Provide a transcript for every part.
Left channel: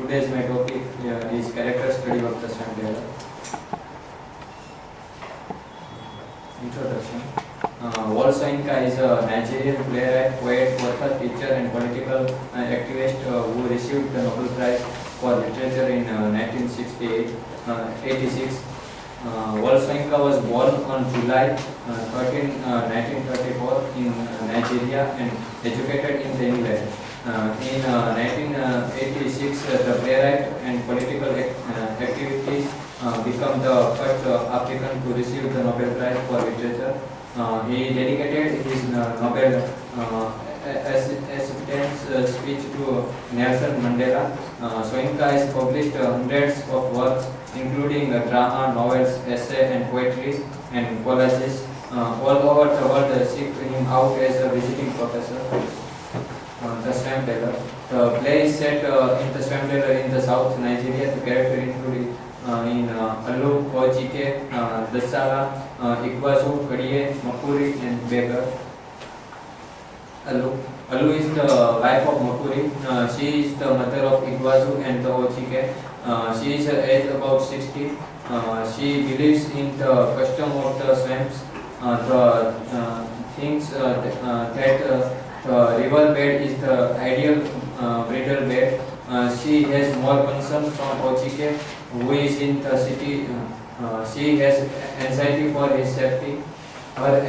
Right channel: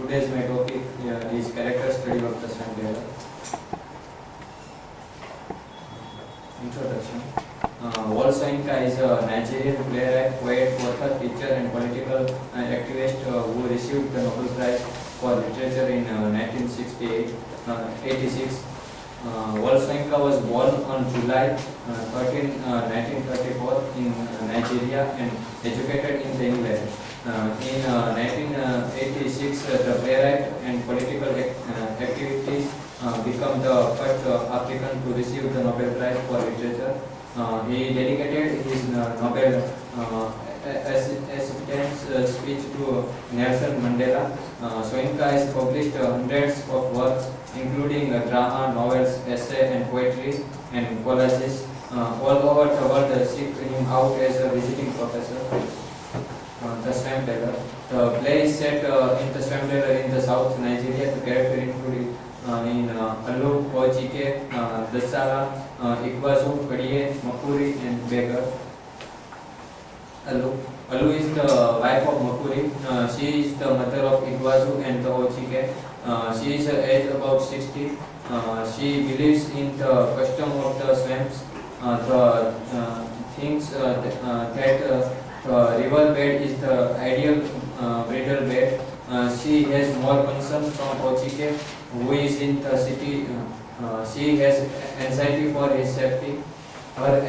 Today's my topic is character study of the Sam Taylor. Introduction. Wole Soyinka is a Nigerian playwright, poet, author, teacher, and political activist who received the Nobel Prize for Literature in 1986. Wole Soyinka was born on July 13, 1934 in Nigeria and educated in England. In 1986, the playwright and political activities became the first African to receive the Nobel Prize for Literature. He dedicated his Nobel acceptance speech to Nelson Mandela. Soyinka has published hundreds of works, including drama, novels, essay, and poetry and collages. All over the world seek him out as a visiting professor. The Sam Taylor. The play is set in the Sam Taylor in the South Nigeria. The character included in Allu, Ojike, Dasala, Ikwazu, Kadiye, Makuri, and Beggar. Allu is the wife of Makuri. She is the mother of Ikwazu and the Ojike. She is aged about 60. She believes in the custom of the swamps. The thinks that the river bed is the ideal bridal bed. She has more concern from Ochike, who is in the city. She has anxiety for his safety. Her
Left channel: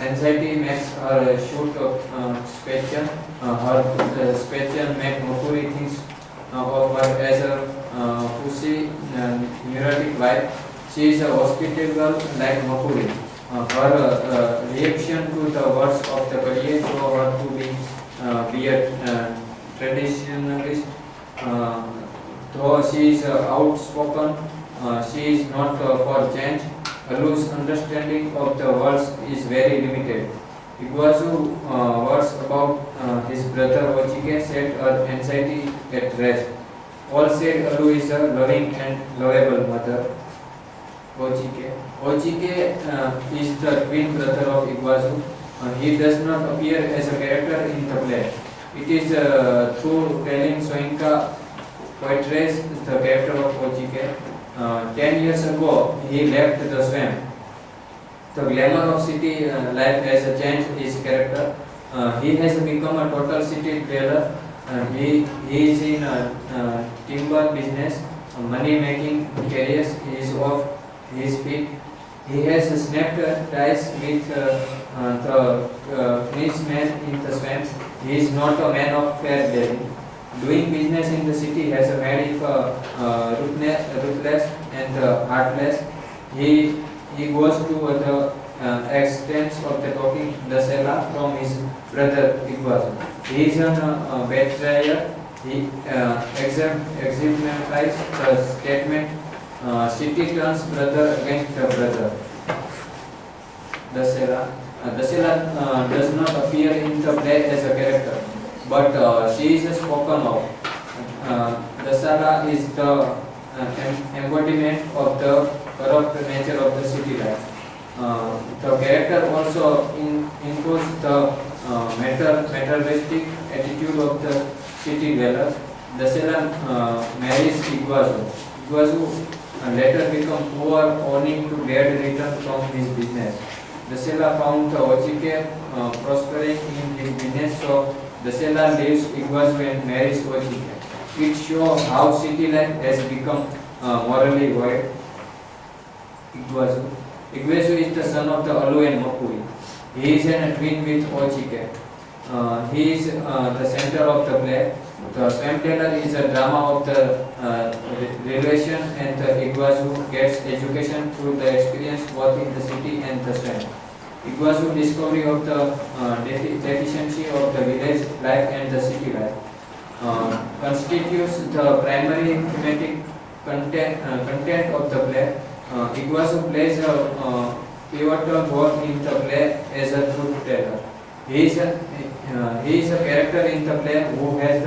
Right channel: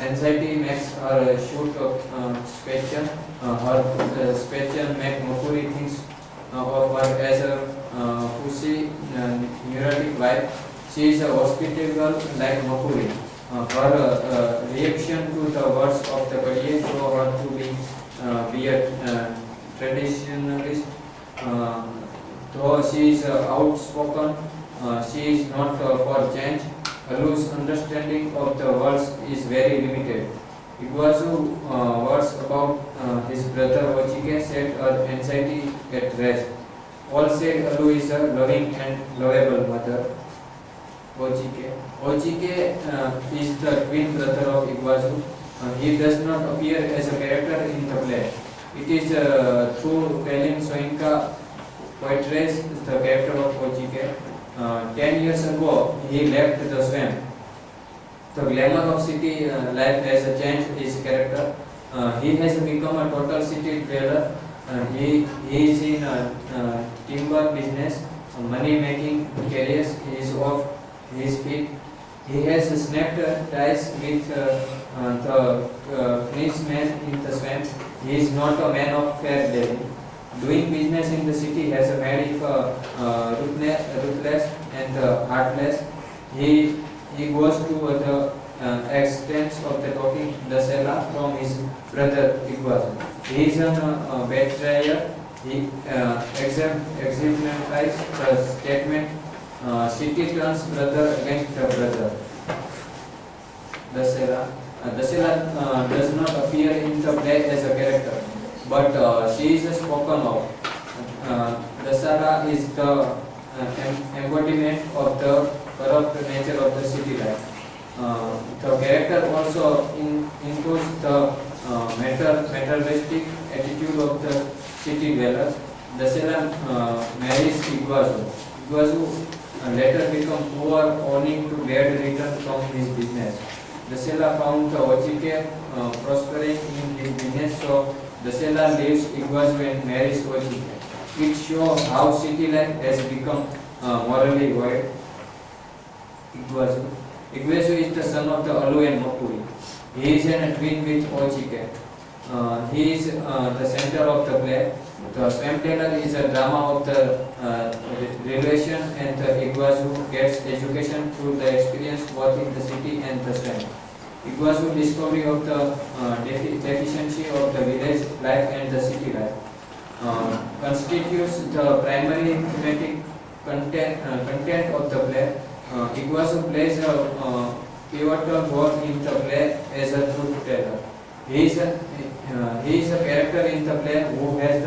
anxiety makes her shoot question. Her question makes Makuri thinks of her as a pussy, neurotic wife. She is a hospitable like Makuri. Her reaction to the words of the Kadiye show her to be a traditionalist. Though she is outspoken, she is not for change. Allu's understanding of the words is very limited. Ikwazu words about his brother Ochike set her anxiety at rest. All said Allu is a loving and lovable mother. Ochike is the twin brother of Ikwazu. He does not appear as a character in the play. It is through telling Soyinka portrays the character of Ochike. 10 years ago, he left the swamp. The glamour of city life has changed his character. He has become a total city dweller. He is in timber business, money-making careers. He is off his feet. He has snapped ties with the Finnish man in the swamp. He is not a man of fair dealing. Doing business in the city has made him ruthless and heartless. He goes to the extents of the talking Dasela from his brother Ikwazu. He is a betrayer. He exemplifies the statement, city turns brother against the brother. Dasela does not appear in the play as a character, but she is spoken of. Dasala is the embodiment of the corrupt nature of the city life. The character also includes the materialistic attitude of the city dwellers. Dasela marries Ikwazu. Ikwazu later become poor, owing to bad return from his business. Dasela found Ochike prospering in his business, so Dasela leaves Ikwazu and marries Ochike. It shows how city life has become morally void. Ikwazu is the son of the Allu and Makuri. He is a twin with Ochike. He is the center of the play. The Sam Taylor is a drama of the relation, and the Ikwazu gets education through the experience both in the city and the swamp. Ikwazu discovery of the deficiency of the village life and the city life constitutes the primary thematic content of the play. Ikwazu plays a pivotal role in the play as a truth teller. He is a character in the play who has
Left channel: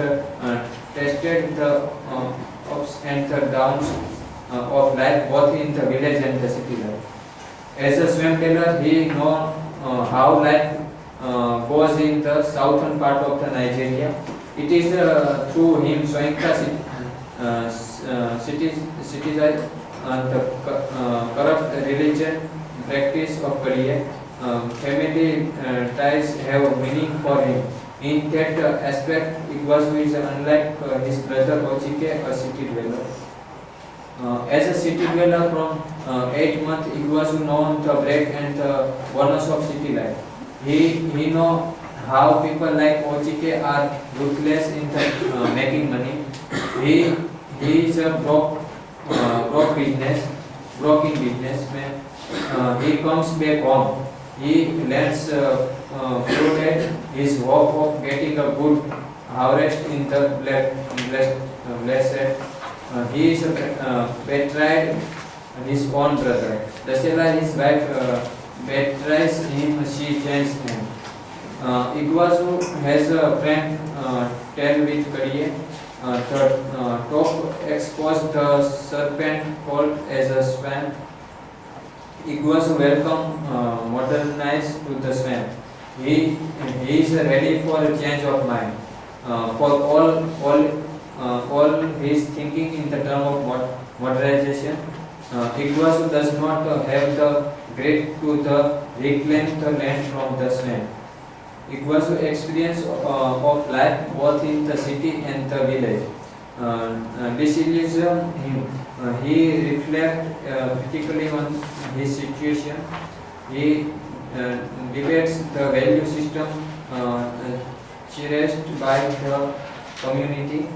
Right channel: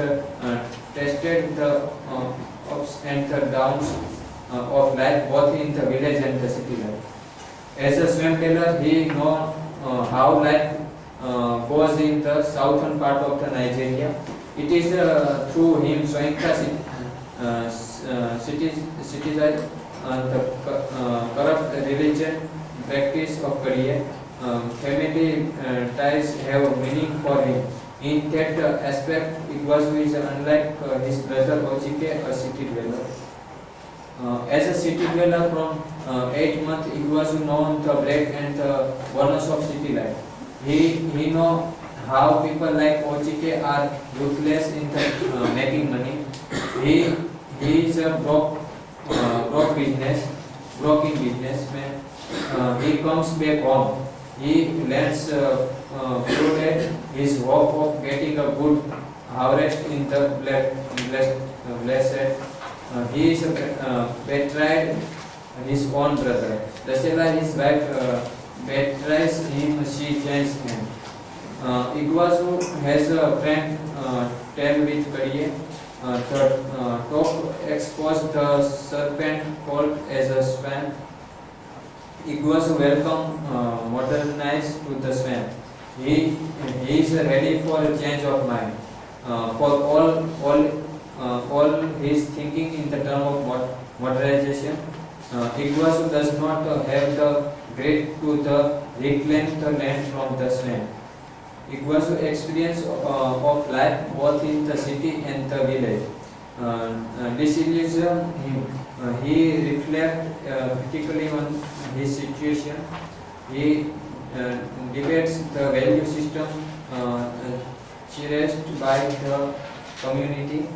tested the ups and the downs of life both in the village and the city life. As a swamp teller, he knows how life goes in the southern part of the Nigeria. It is through him Soyinka citizen the corrupt religion practice of career. Family ties have a meaning for him. In that aspect, Iguazu is unlike his brother Ochike, a city dweller. As a city dweller from 8 months, Iguazu knows the break and the bonus of city life. He know how people like Ochike are ruthless in the, making money. He is a broking businessman. He comes back home. He lands flooded his hope of getting a good harvest in the blessed. He is betrayed his own brother. Dasela, his wife, betrays him. She changes him. Iguazu has a friend, tell with career. The top exposed the serpent called as a swamp. Iguazu welcome modernized to the swamp. He is ready for a change of mind. For all his thinking in the term of modernization. Iguazu does not have the grit to reclaim the land from the swamp. Iguazu experience of life both in the city and the village disillusion him. He reflects critically on his situation. He debates the value system cherished by the community.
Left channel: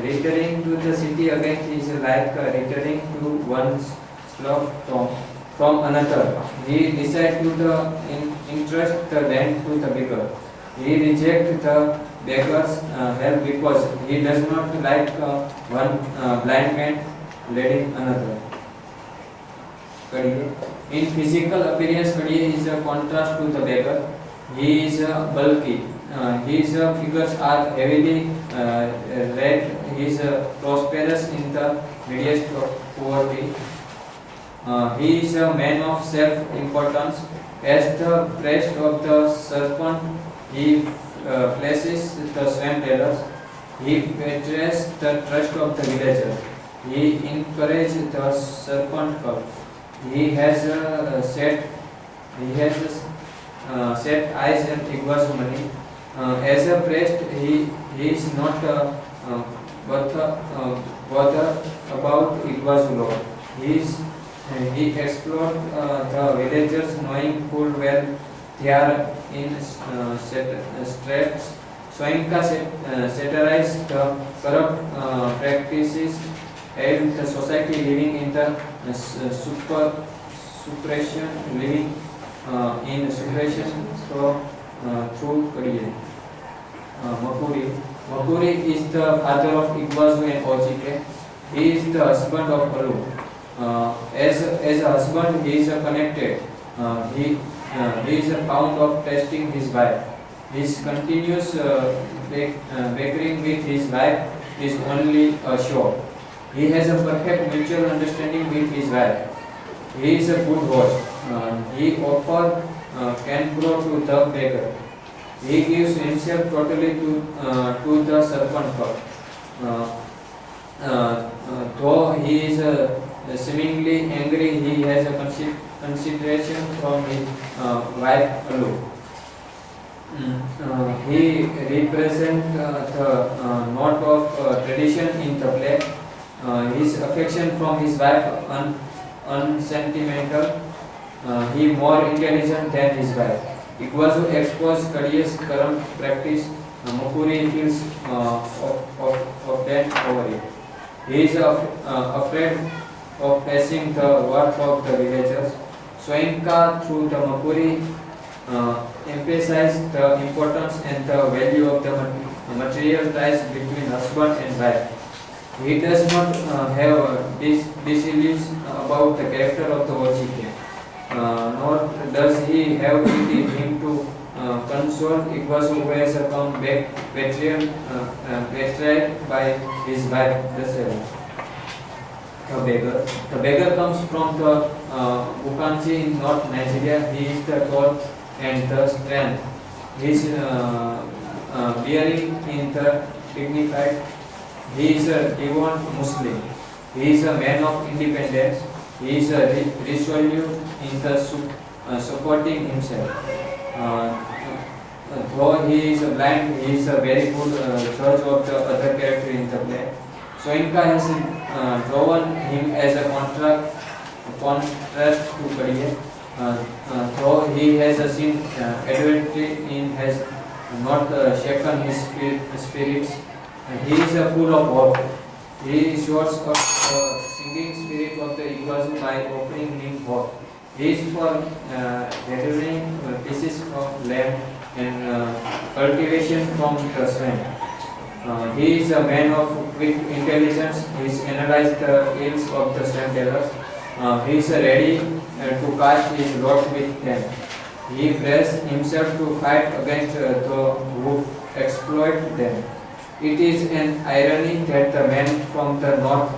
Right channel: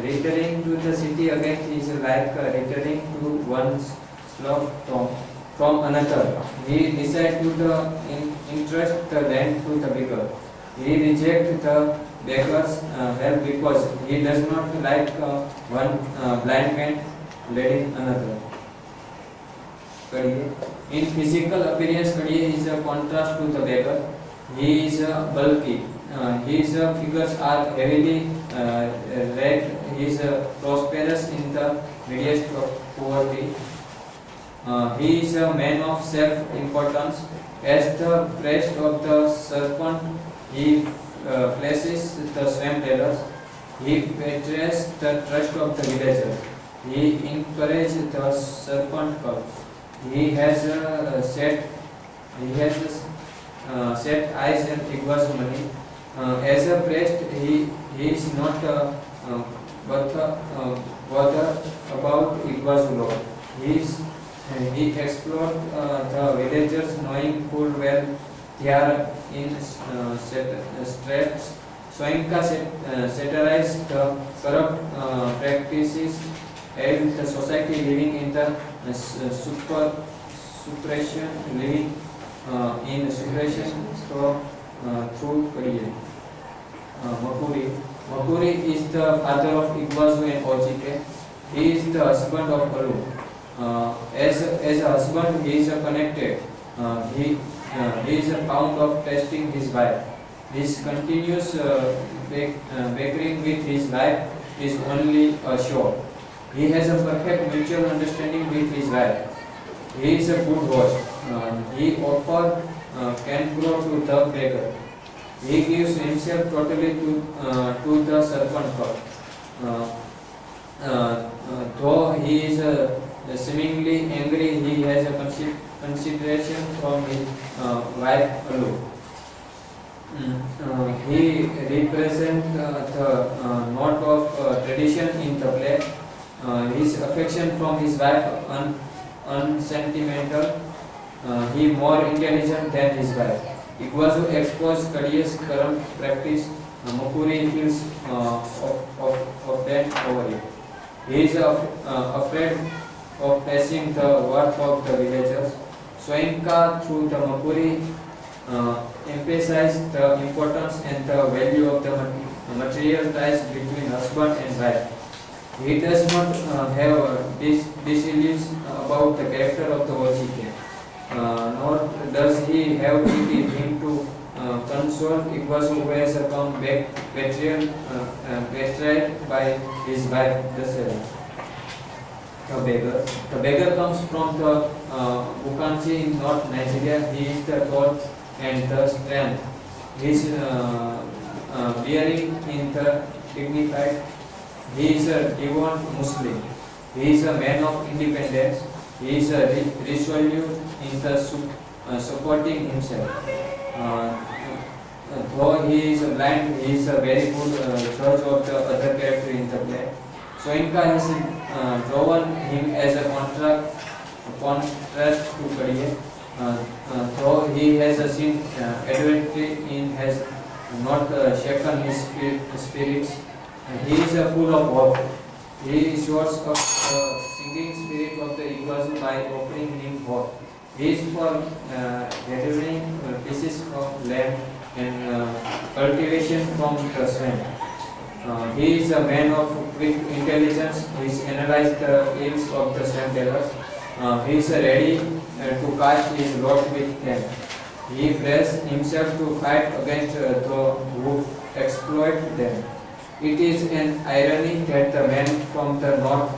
Returning to the city again is like returning to one's slough from another. He decides to entrust the land to the beggar. He rejects the beggar's help because he does not like one blind man leading another. In physical appearance, Kadiye is a contrast to the beggar. He is bulky. His figures are heavily red. He is prosperous in the midst of poverty. He is a man of self-importance. As the priest of the serpent, he flashes the swamp dwellers. He betrays the trust of the villagers. He encourages the serpent cult. He has set eyes on Iguazu money. As a priest, he is not bothered about Iguazu law. He explored the villagers, knowing full well they are in straits. Soinka satirized the corrupt practices and the society living in the suppression, living in suppression through career. Makuri is the father of Iguazu and Ochike. He is the husband of Alu. As a husband, he is connected. He is fond of testing his wife. His continuous bickering with his wife is only a show. He has a perfect mutual understanding with his wife. He is a good host. He offers cancro to the beggar. He gives himself totally to the serpent god. Though he is seemingly angry, he has a consideration from his wife Alu. He represents the note of tradition in the play. His affection from his wife unsentimental. He more intelligent than his wife. Iguazu exposed Kadiye's corrupt practice. Makuri feels of that over it. He is afraid of passing the worth of the villagers. Soinka through the Makuri emphasized the importance and the value of the material ties between husband and wife. He does not have disillusion about the character of the Ochike, nor does he have it in him to console Iguazu, who has come back betrayed by his wife, the beggar. The beggar comes from the Bukanchi in North Nigeria. He is the tall and the strength. He is bearing in the dignified. He is a devout Muslim. He is a man of independence. He is a resolute in the supporting himself. Uh, though he is blind, he is a very good judge of the other character in the play. Soinka has drawn him as a contrast to Kadiye. Though he has seen adversity in has not shaken his spirits. He is full of hope. He shows up the singing spirit of the Iguazu by offering him hope. He is for gathering pieces from land and cultivation from the sand. He is a man of quick intelligence. He has analyzed the ills of the swamp dwellers. He is ready to cast his lot with them. He prepares himself to fight against those who exploit them. It is an irony that the man from the north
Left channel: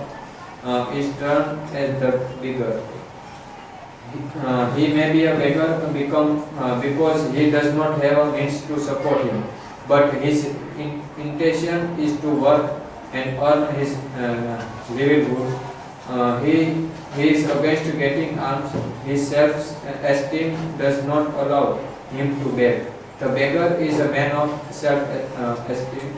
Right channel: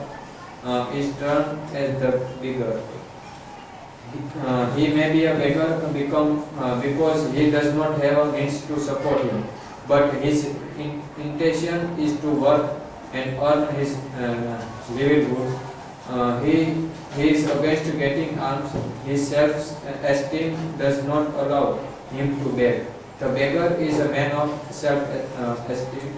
is termed as the beggar. He may be a beggar because he does not have a means to support him, but his intention is to work and earn his livelihood. He is against getting alms. His self-esteem does not allow him to beg. The beggar is a man of self-esteem.